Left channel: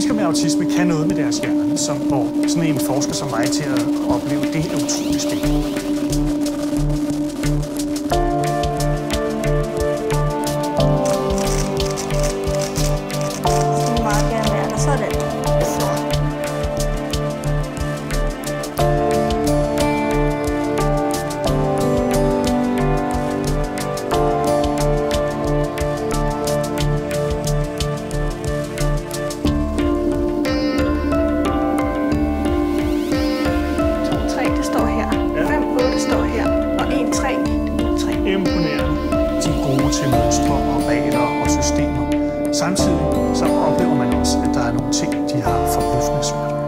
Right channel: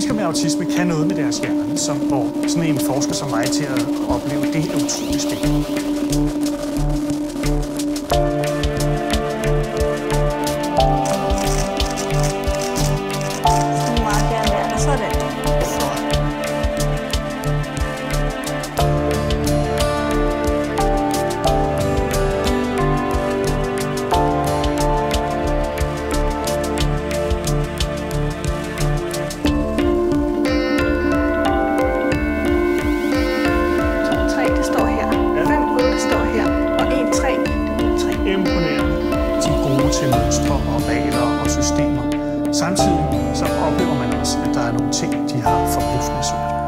Mennesker med autisme kan noget med deres hjerne, som får sådan en forsker som mig til at opleve. Det er utroligt spændende. Imponerende. De er gode til mønstre og regler og systemer. Samtidig så oplever man også, at der er nogle ting, de har forbløffende svært ved.